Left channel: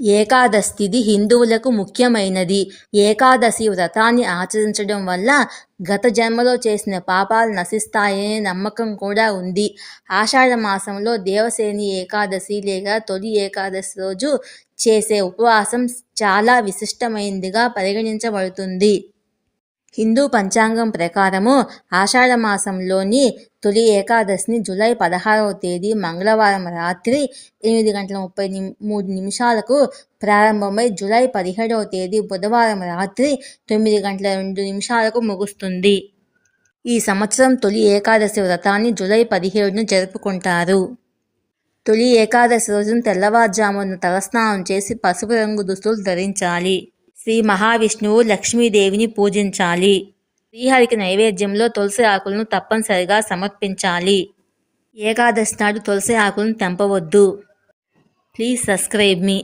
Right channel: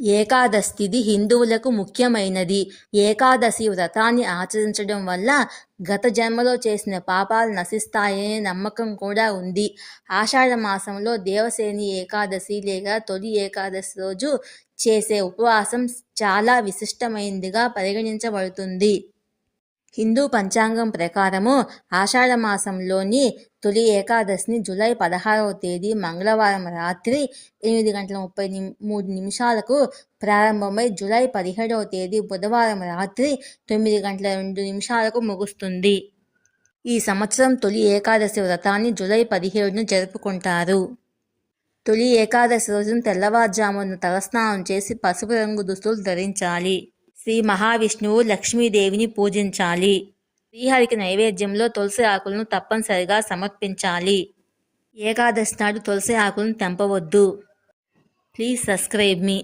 ఏకాదశి తిథి హిందువులకు ముఖ్యమైనది. ఏకాదశి వ్రతాన్ని ఆచరించడం వల్ల గత జన్మలో చేసిన పాపాలు నశిస్తాయనే నమ్మకం కూడా ఉంది. ఆషాఢ మాసంలో దేవసేని ఏకాదశి లేదా తొలి ఏకాదశి రోజు చేసే ఉపవాసం చాలా విశిష్టమైనదిగా పరిగణించబడుతుంది. హిందూ పంచాంగం ప్రకారము ఆషాఢ మాసంలోని తొలి ఏకాదశిని జూలై 16వ తేదీ మంగళవారం రాత్రి 8:33 ప్రారంభమై జూలై 17వ తేదీ బుధవారం రాత్రి 9:02 ముగుస్తుంది. ఈ సంవత్సరం తొలి ఏకాదశి వ్రతాన్ని జూలై 17న జరుపుకుంటారు. తొలి ఏకాదశి రోజున తెల్లవారుజామున తలస్నానం చేసి పసుపు రంగు దుస్తులు ధరించాలి. శ్రీ మహావిష్ణువు, లక్ష్మీదేవిని పూజించాలి. శ్రీహరికి నైవేద్యంలో తులసి ఆకులను తప్పనిసరిగా సమర్పించాలి. ఏకాదశి నాడు తులసి ఆకులను తెంపవద్దు. Please subscribe me.